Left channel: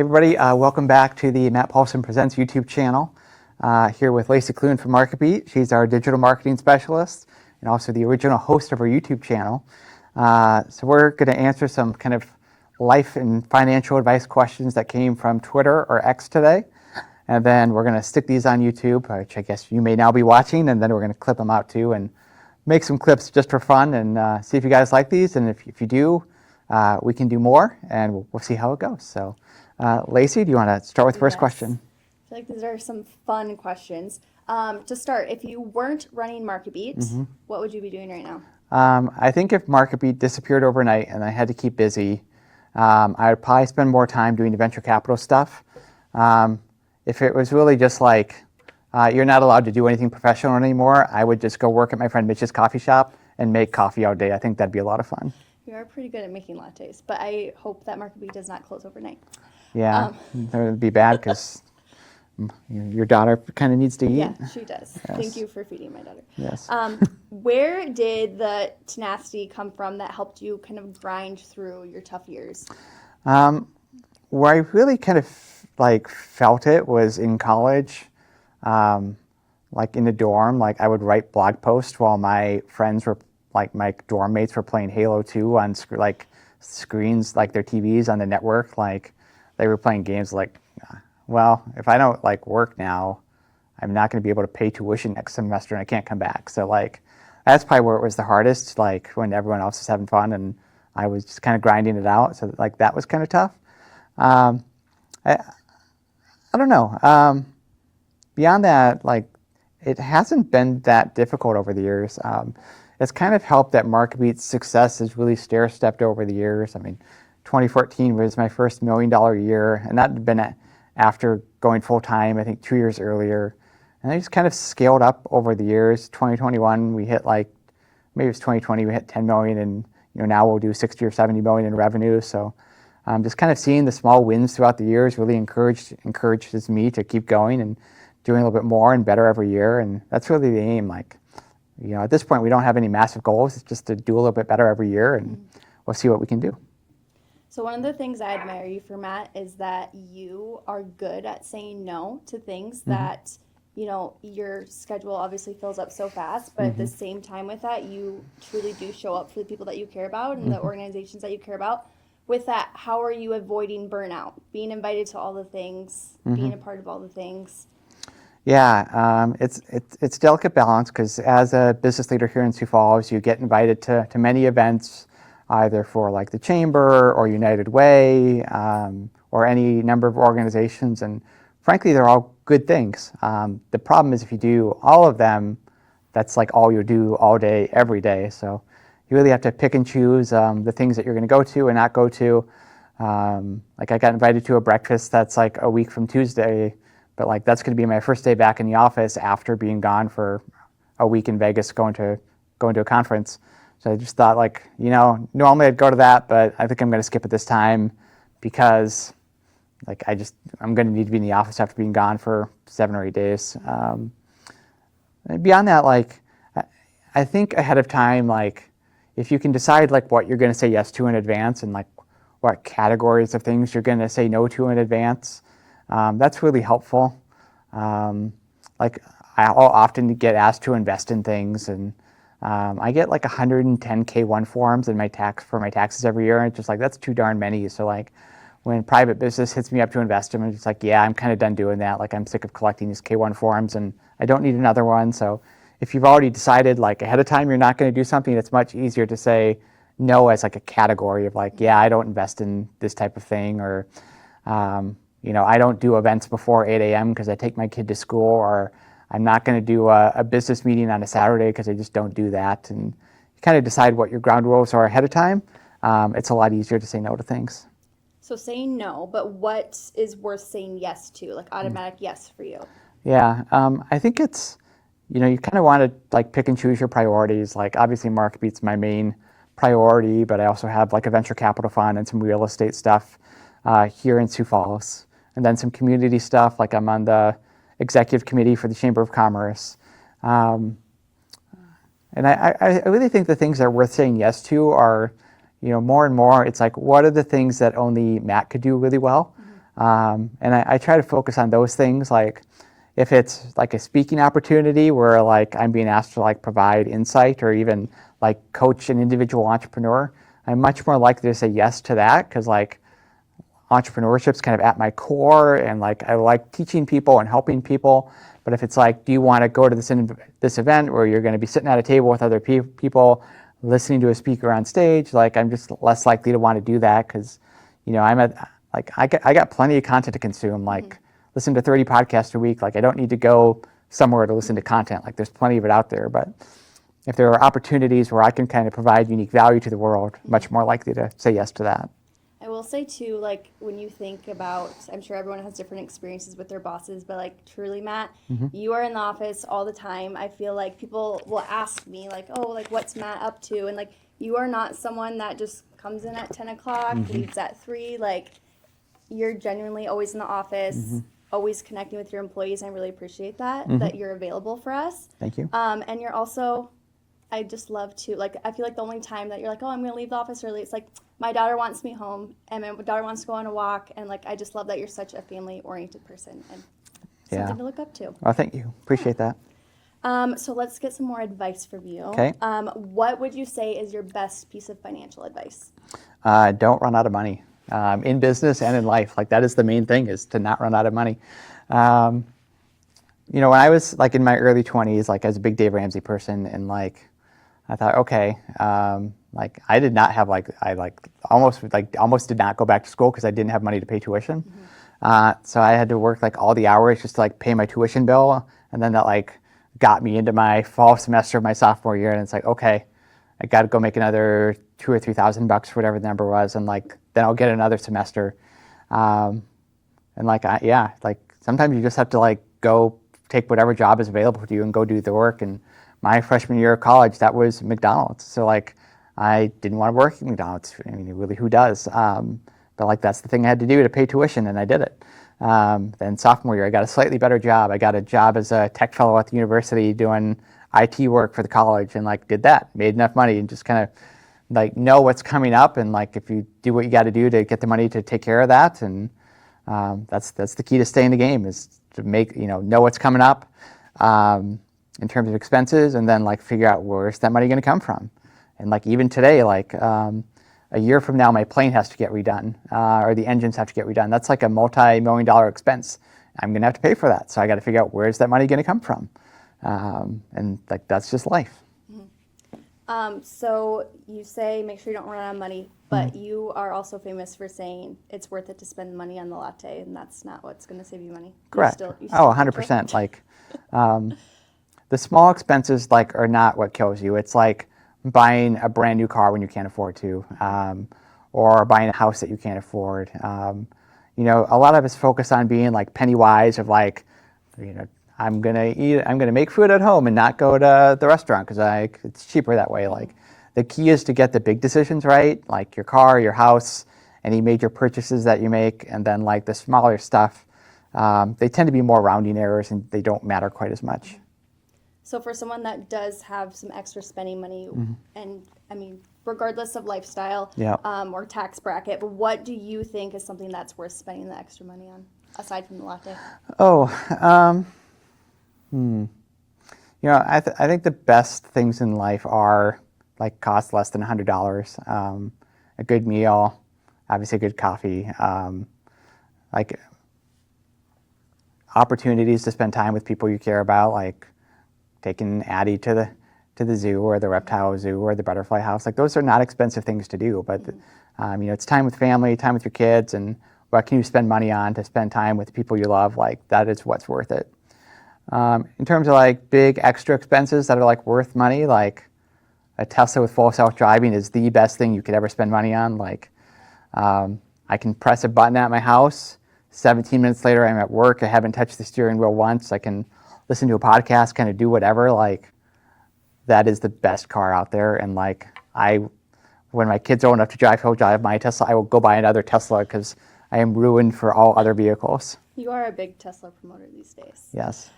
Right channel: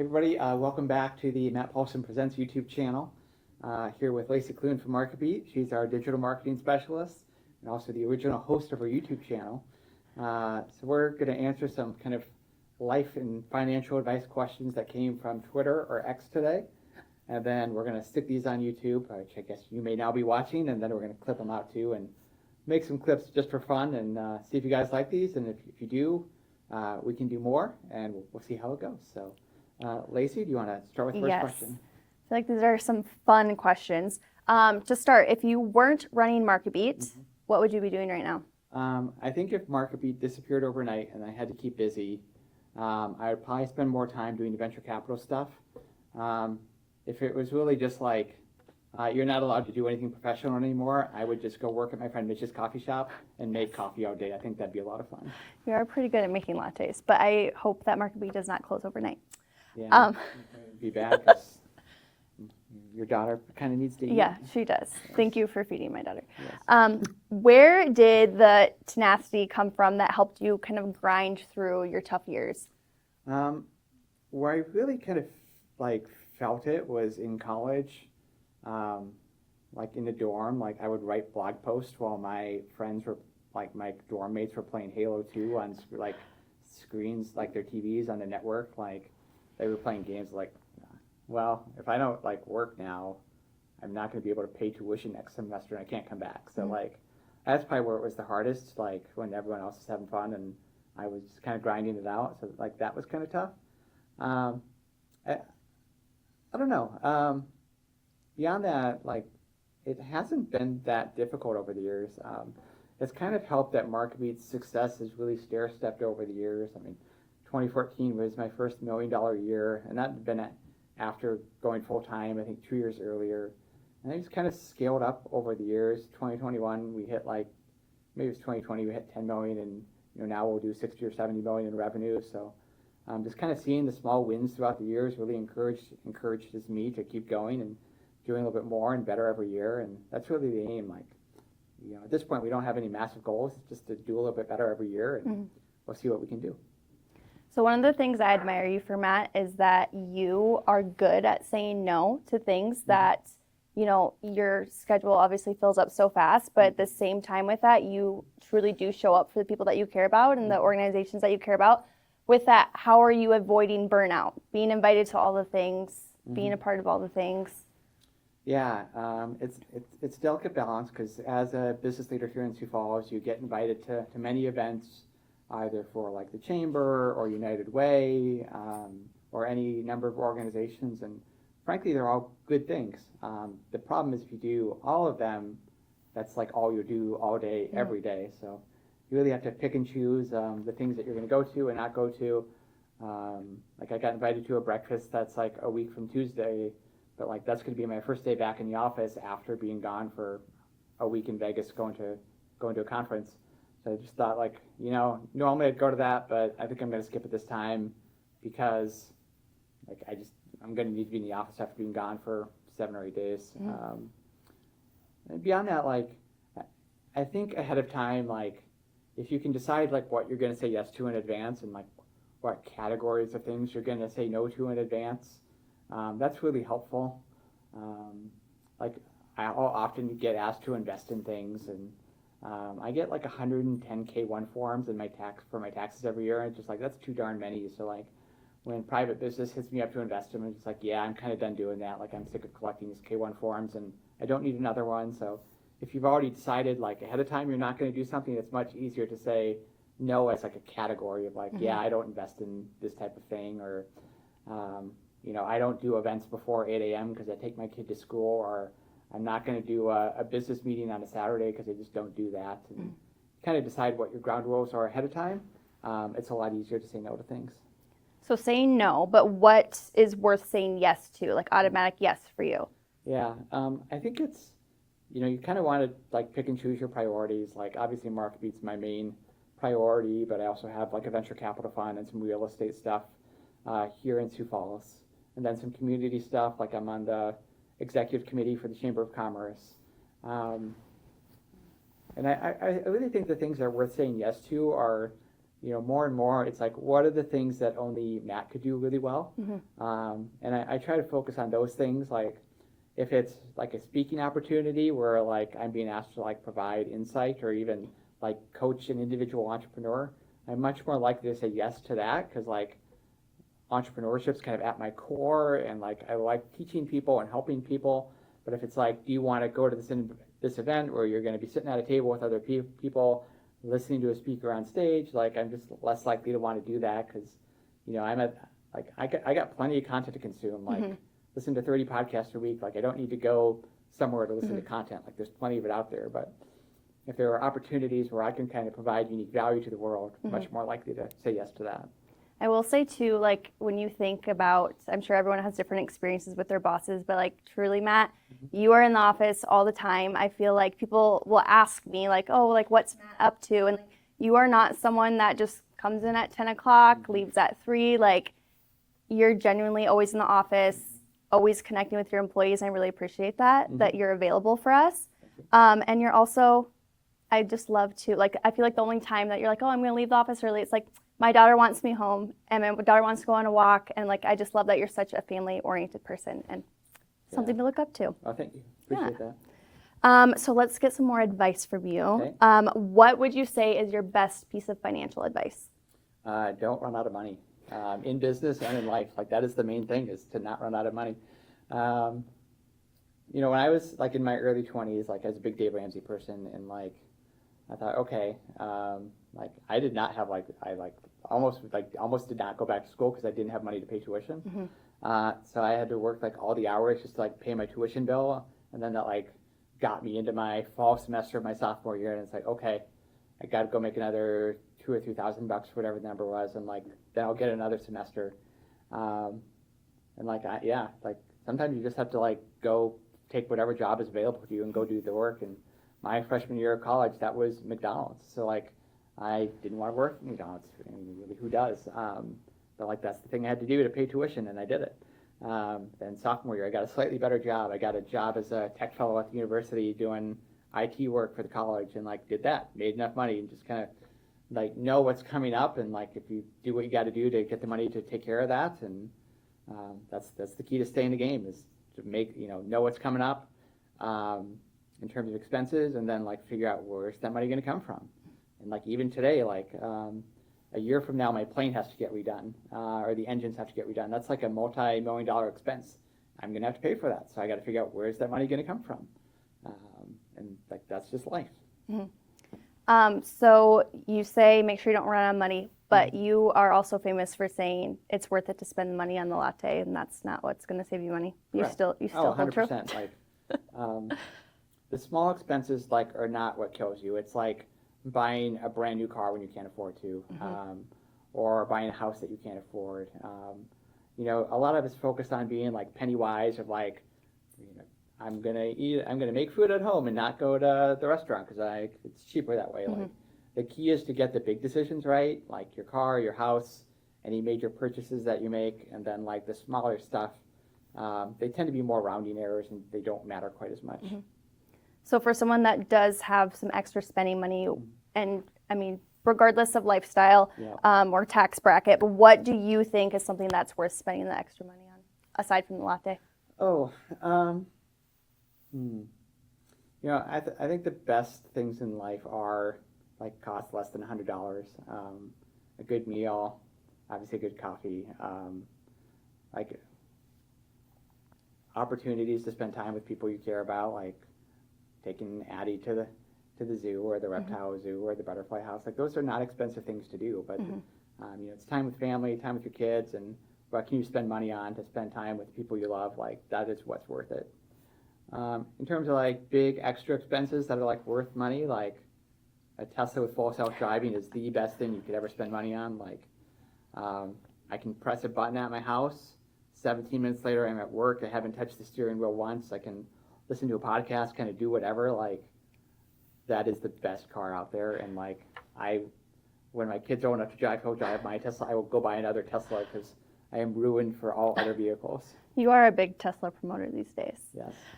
Hey everybody, welcome back to the Matt Paulson Presents YouTube channel. Here with Lacey Clune from MarketBeat. She's our digital marketing specialist and also the original host of our YouTube channel. So we're going to answer some kind of life and financial advice questions that came from Twitter or X today. And then we're going to stick these on YouTube, which I guess you may now be watching, and then we're going to clip them out too and make some clips just for fun and see if you guys like these. And if you do, we can do more and we'll see how it goes. So. Lacey, do you want to start with the first question? I feel like these are some fun questions. To start, if you weren't running MarketBeat, what would you be doing right now? I think if MarketBeat disappeared overnight and I had to keep busy, I would probably spend more time doing the venture capital stuff. If it was really just like you're not allowed to do anything professional anymore, I would just go work at my friend Mitch's coffee shop and make coffee all day. I think that'd be a lot of fun. You are pretty good at making lattes, but I hope that MarketBeat does not close overnight. Yeah, that would be bad because your daughter kind of needs to eat. Yeah, she does. Yes. Thank you for feeding my daughter. Yes. Where did the tenacity come from that helped you kind of grind through your tough years? Where I really kind of felt it was in college, like in the dorm. Like I would write blog posts while my friends were my dorm mates were playing Halo 2 on screens, like their TVs on the network. Like they were playing games well, if I don't work now, I'm not going to be able to pay tuition next semester and I can't come back. So that's probably where it was the hardest, when everyone else was having fun and I was just kind of grinding it out. So that was kind of tough. I don't know. Beyond that, it hasn't been that difficult over the years. It's kind of helped that MarketBeat's success has really stair-stepped over the years. I mean, 2014 was my first $1 million year, and that had been after going full-time, I think 2 years earlier. And I just kind of scaled up over the years. 2021, we hit maybe it was 2020, we hit 10 million, and now we'll do 60 or 70 million in revenue. So just kind of seeing the small wins throughout the years really encourages me to keep going and doing a little bit more and better every year. And that's really the aim. At this point, we don't have any massive goals. It's just to do a little bit better every year, and we'll see what we can do. So one of the things I admire you for, Matt, is that you are good at saying no to things that, your schedule obviously fills up so fast, but at the same time with that, you truly do show up for the people that you care about and the organizations that you care about. With that, how are you avoiding burnout? Being invited to all the things, being a part of all the things? Yeah, it's a delicate balance because as a business leader here in Sioux Falls, you get invited to many events, either for the Chamber or United Way or any number of organizations, and frankly, they're all good things. The problem is if you do all of them, that's all you do all day, every day. So you really have to pick and choose the things that you're going to go to and not go to. I got invited to a breakfast that's a week from Tuesday, but that's going to be my first day back in the office after being gone for a week in Vegas going to a conference. So I just thought normally I'd go to that, but I think I'm going to skip it this time because I'm going to need to be in the office after being gone for 7 or 8 days. Beyond that, I think ahead of time, if you can decide what you're going to say yes to in advance and what categories of things you're going to say no to in advance, that's really helpful. I'll often get asked to invest in things, and I get 110 K1 forms in my taxes every year, and it's just that's too darn many. So when private business hits me up to invest in, it's yeah, I'm kind of done doing that. I'm sick of collecting these K1 forms, and I don't need another one. So if you've already decided ahead of time you're not going to do something, it's much easier to say no as a category of yeah, I don't invest in this type of thing, or I don't do events before 8 a.m. because I take my kid to school, or I'm not going to do a business meeting on a Saturday because I just don't do that. And you kind of decide what your ground rules are ahead of time. It's a lot easier to say no to things. So saying no, but what is worth saying yes to, automatic yes for you? Yeah, I think it's, you kind of want to pick and choose your priorities. Obviously MarketBeat's my main priority, but I also have a venture capital fund and some real estate stuff here in Sioux Falls. And then some community stuff, I'm on the executive committee for the Chamber of Commerce. And I really think the things that are worth saying yes to are, more and more, it's like, what are the things that only Matt could do really well? And I try to focus on those things. Like, if it's like a speaking opportunity where like I'm being asked to like provide insight or even like coach an individual entrepreneur, I'm much more likely to say yes to that, because like entrepreneurship's kind of at my core, and like I like teaching people and helping people. But if it's like, do you want to go to this event where you're going to be sitting at a table with other people, listening to a speaker on stage, like I'm just less likely to want to do that, because I got plenty of content to consume. Like, listen to 30 podcasts a week. Like, I don't need to go somewhere to listen to content. Like, there's plenty of it out there. But if there are opportunities where I can kind of provide unique value to the world, much more likely to say yes to that. I will say too, like, when you think about, I'm sure everyone has different experiences with their bosses, but like, truly, Matt, you are in the office all the time. I feel like people will ask me like, oh, like, what's Matt up to? And like, you are not someone that just comes in at 10 o'clock, leaves at 3. Like, you're genuinely always in the office, always connecting with your employees. I really appreciate that, that you're available for us. Thank you. And you're also, I just love to, like, I feel like the only time that you're like, oh, I'm going to leave the office early, it's like, my daughter wants me home, and my daughter wants to go on a walk, and like, I just love that you're such a family-oriented person, and something to look up to. Well, thank you. Appreciate that. So let's get some more advice from you. Okay. What would you say is your best piece of financial advice? Don't run out of money in business and in life. Like, that is the main thing, is to not run out of money. When I was like in my early 20s, like, I was a big Dave Ramsey person, and like, I thought, okay, like, I did not have almost did not go back to school because I didn't have money to pay tuition. So I had to work like all the hours just to like pay my tuition bill, and then that like got me into my fall semester of my sophomore year, and it's like, okay, I got to go make another $2,000 or $3,000, whatever the number was, and like then I'll get another semester. And like like sometimes you just have to like go take whatever job is available to you and go do the work. And my freshman year of college, that was McDonald's. So like, I didn't want to work at McDonald's. I mean, really, who does? But like, that's the thing I had to do to pay tuition, and I did it. Then sophomore year, I got a slightly better job. I got a job as a tech fellow at the university doing IT work for the college, and like did that, made enough money, and just kind of like know what's coming up, and like if you do what you got to do to get the money to take care of that, and that's the key to stay in the game, is to make know what's coming up in terms of expenses, and then like figure out where's that money going to come from. And like even today, like a year from now, my plane has to get redone, or the engines have to get redone. That's like a multi-million-dollar expense. I'm going to have to pay for that. So I got to figure out where's that money going to come from. And like, that's just life. So you say make sure you don't run out of money, but you are also famous for saying it's worth it to spend money on the latte, and that's not what's going to save you money. Correct. You still 100%. Like, the small expenses like are not what kills you. It's like buying a brand new car when you can't afford to, or buying a house that you can't afford. A lot of us focus on being like penny wise, of like, I'm gonna make food at home and not go to the restaurant because it's cheaper that way. Like, the key is to get the big decisions right, like your car, your house, any major purchases that you make, and then like the smaller stuff, they tend to be more rounding errors and they don't matter quite as much. So for someone that does have some extra spending money, and I mean, regardless of lifestyle or tax bracket, but what do you think is something that's worth spending the extra money on, aside from the latte? I think the best things in life are like cost less than $100. A good meal, obviously good coffee, like opportunities to spend time with people you care about, like taking Addie to the zoo or the reptile zoo or the butterfly house. Like, those are not expensive things to do, but it's time with family, time with your kids, and what can you spend money on to spend time with people you love? Like, that is what's worth it. In terms of like big extra expenses that are like worth money, like a Tesla with full self-driving is the best thing you could ever spend money on. Like, I can press a button at my house, 17 minutes later I'm at work, I haven't touched the steering wheel once, I can listen to a podcast, kind of do whatever. Like, that is the best car out there. And like, when my kids are old enough to drive, he'll drive my Tesla, I will go buy another Tesla because I am ruined for all other vehicles. You are a big Tesla promoter these days. Yes.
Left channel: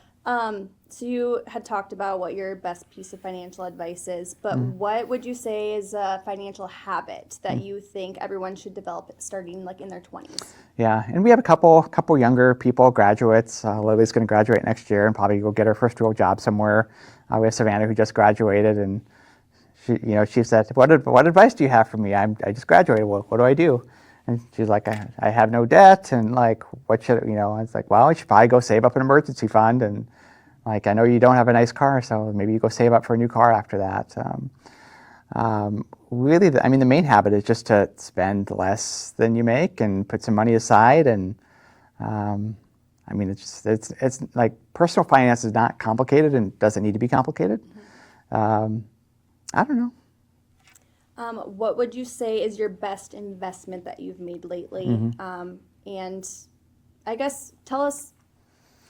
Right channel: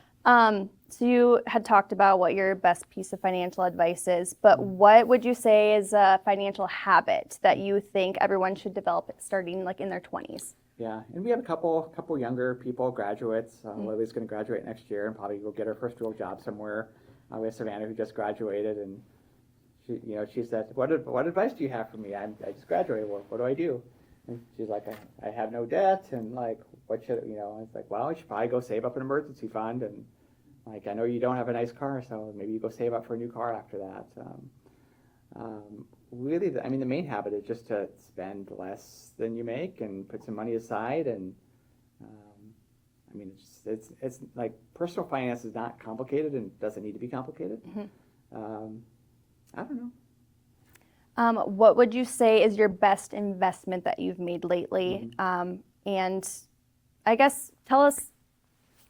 So you had talked about what your best piece of financial advice is, but what would you say is a financial habit that you think everyone should develop starting like in their 20s? Yeah, and we have a couple younger people, graduates. Lily's going to graduate next year and probably go get her first real job somewhere. We have Savannah who just graduated, and she said, "What advice do you have for me? I just graduated. What do I do?" And she's like, "I have no debt, and like, what should I was like, "Well, you should probably go save up an emergency fund, and like, I know you don't have a nice car, so maybe you go save up for a new car after that." Really, the main habit is just to spend less than you make and put some money aside. And it's like personal finance is not complicated and doesn't need to be complicated. I don't know. What would you say is your best investment that you've made lately? And I guess tell us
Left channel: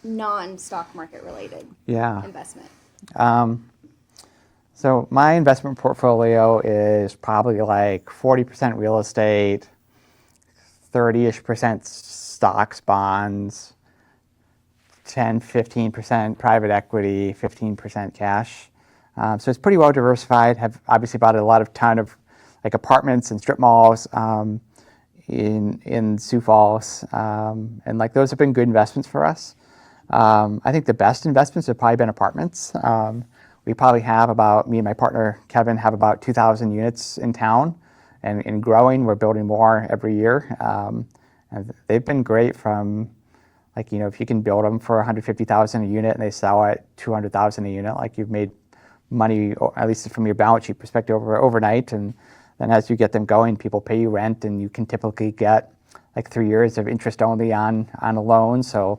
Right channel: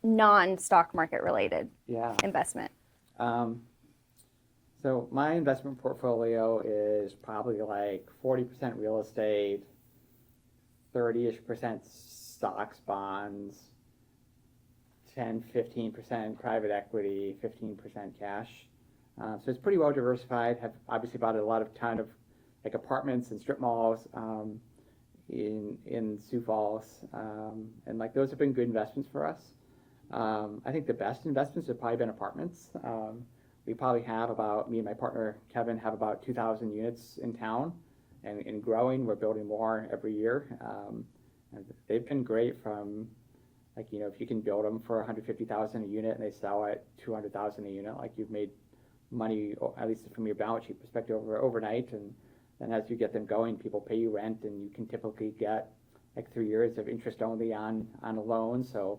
non-stock market related investment. So my investment portfolio is probably like 40% real estate, 30-ish% stocks, bonds, 15% private equity, 15% cash. So it's pretty well diversified. Have obviously bought a ton of like apartments and strip malls in Sioux Falls, and like those have been good investments for us. I think the best investments have probably been apartments. We probably have me and my partner Kevin have about 2,000 units in town, and growing. We're building more every year. And they've been great from, like, if you can build them for $150,000 a unit and they sell at $200,000 a unit, like you've made money, at least from your balance sheet perspective, overnight. And then as you get them going, people pay you rent, and you can typically get like 3 years of interest only on a loan. So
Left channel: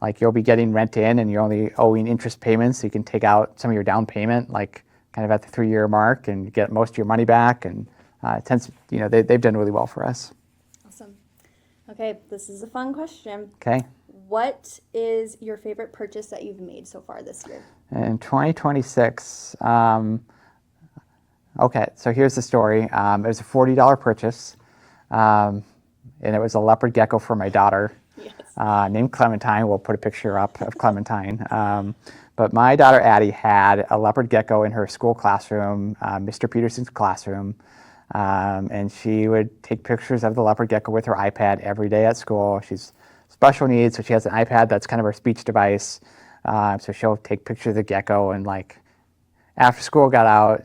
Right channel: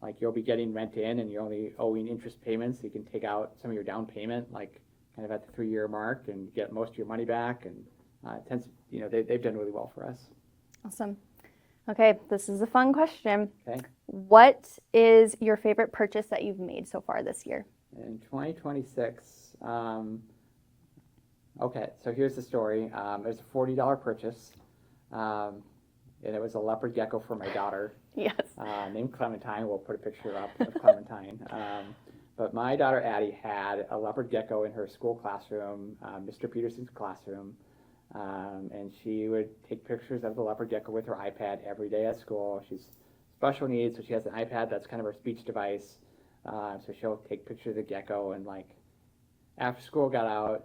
like you'll be getting rent in and you're only owing interest payments, so you can take out some of your down payment like kind of at the 3-year mark and get most of your money back. And they've done really well for us. Awesome. Okay, this is a fun question. Okay. What is your favorite purchase that you've made so far this year? In 2026, okay, so here's the story. It was a $40 purchase, and it was a leopard gecko for my daughter. Yes. Named Clementine. We'll put a picture up of Clementine. But my daughter Addie had a leopard gecko in her school classroom, Mr. Peterson's classroom, and she would take pictures of the leopard gecko with her iPad every day at school. She's special needs, so she has an iPad that's kind of her speech device. So she'll take pictures of the gecko, and like after school got out,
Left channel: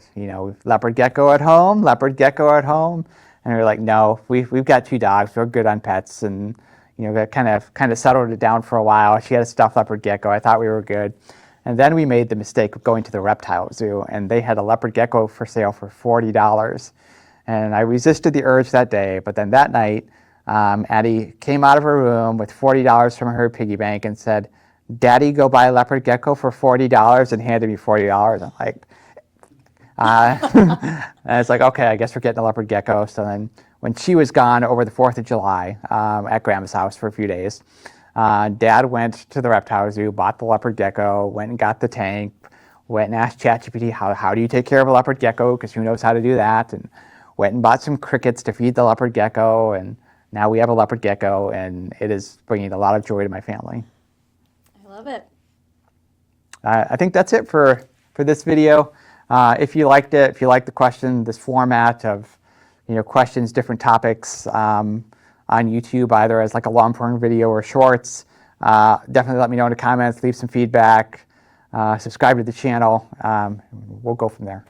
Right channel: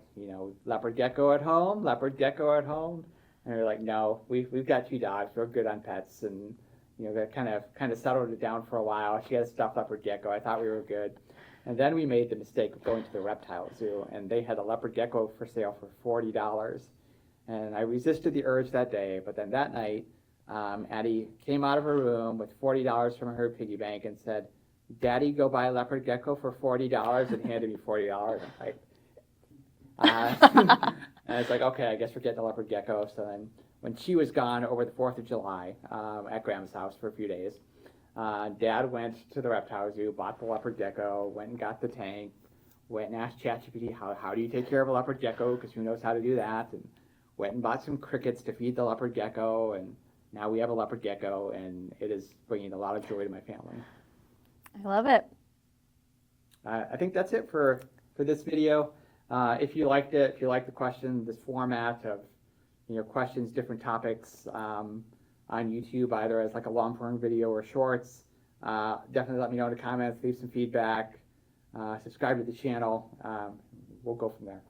leopard gecko at home, leopard gecko at home, and we were like, no, we've got 2 dogs, we're good on pets, and that kind of settled it down for a while. She had a stuffed leopard gecko. I thought we were good. And then we made the mistake of going to the reptile zoo, and they had a leopard gecko for sale for $40. And I resisted the urge that day, but then that night, Addie came out of her room with $40 from her piggy bank and said, "Daddy, go buy a leopard gecko for $40," and handed me $40. I'm like, and it's like, okay, I guess we're getting a leopard gecko. So then when she was gone over the 4th of July at Grandma's house for a few days, Dad went to the reptile zoo, bought the leopard gecko, went and got the tank, went and asked ChatGPT, how do you take care of a leopard gecko, because who knows how to do that, and went and bought some crickets to feed the leopard gecko, and now we have a leopard gecko, and it is bringing a lot of joy to my family. I love it. I think that's it for this video. If you liked it, if you liked the question, this format of questions, different topics on YouTube, either as like a long-form video or shorts, definitely let me know in the comments, leave some feedback, subscribe to the channel. We'll go from there.